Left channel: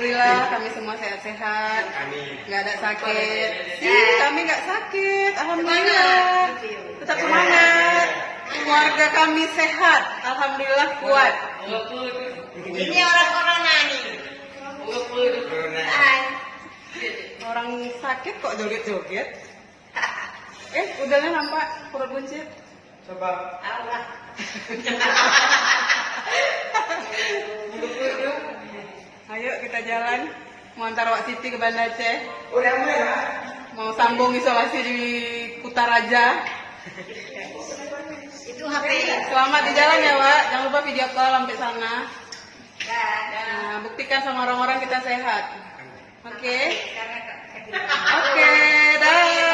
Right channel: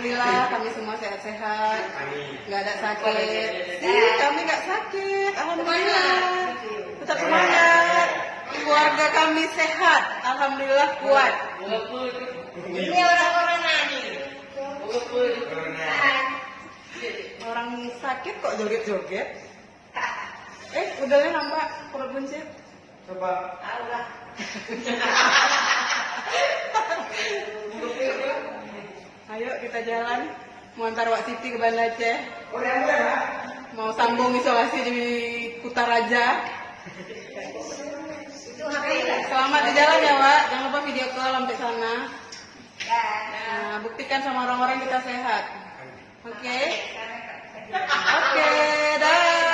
Alhamdulillah kami semua sehat-sehat, nggak ada sakit. Kami nggak sakit, alhamdulillah. Tetap semangat. Keluarga kami sehat, alhamdulillah kuat. Ini orang corona nih. Orang sakit kok joget-joget? Udahnya nampak perut buncit. Coba. Tahu lah. Ayo kita jalan. Mau antar Wak Siti ke Banda Aceh. Udah. Mau sambung isolasi di Kutaraja. Itu HP. Selamat di jalan ya Wak. Jangan lupa video call sampai sana. Dah. Nah, buktikan sama orang-orang kita sehat. Oke. Karena Oke, dah.